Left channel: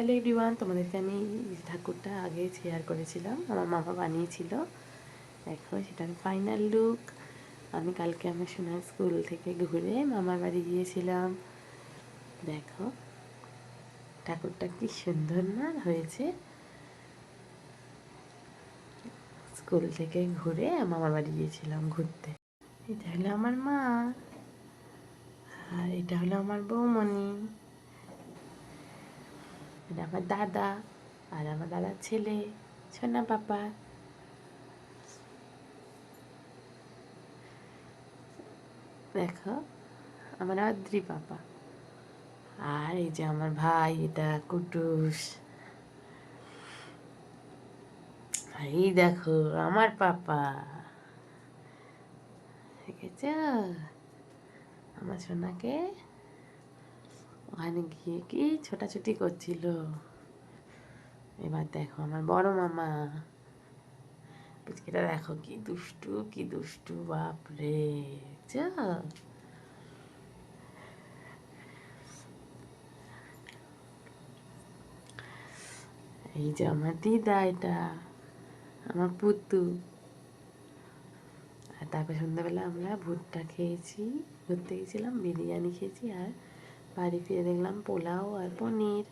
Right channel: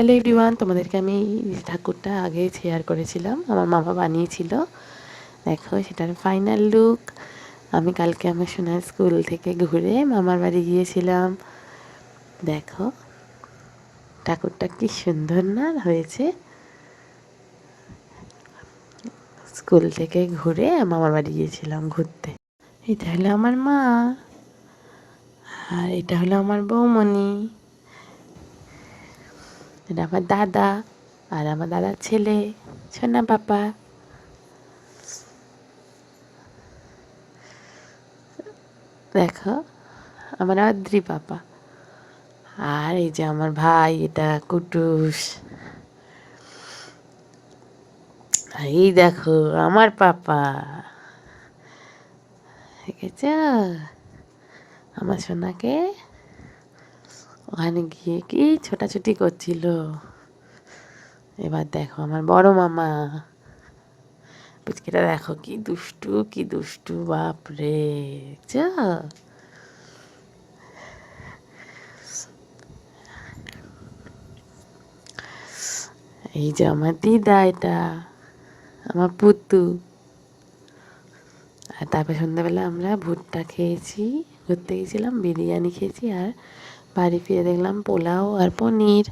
Hello everyone, তোমাদেরকে আমি এই ঠাকুরটা আগে শেয়ার করেছিলাম, আমার মামা বানিয়েছিল। দেখো সেটার ফাইনাল লুক। আমি কালকে আমার সোনার স্কুল থেকে ঘুরে মামার বাড়ি গিয়েছিলাম। দেখো ঠাকুরটা কি সুন্দর না হয়েছে। স্কুল থেকে ঘুরে মামার বাড়ি গিয়েছিলাম ঘুরতে। এটা হলো আমার মা, আর এটা হলো আমার বৌমণি, এটা আমার দাদা, আর আমার দাদার ছেলে সোনা পাপা। দেখো আমার আদ্রি পাপা, আর এই যে আমার ভাই, এটা কুটুস। আর এই দেখো আমার পাপা, দেখেছ আমার সোনাকে ওখানে গিয়ে কি ছোটাছুটি করছিল। এবার দেখো আমার বড় মামা, পুচকিটা দেখো কি দুষ্টু কি দুষ্টু, বাপরে দেখছ। এই যে আমার দিদা, এটা আমার পুতু। আর তারপরে সন্ধ্যাবেলা আমরা ভুট্টা খেয়েছি, ঘুরতে গেছিলাম, বিরিয়ানি খেয়েছি, আর বাড়ি ফিরে দেখলাম পোলাও আর পনির।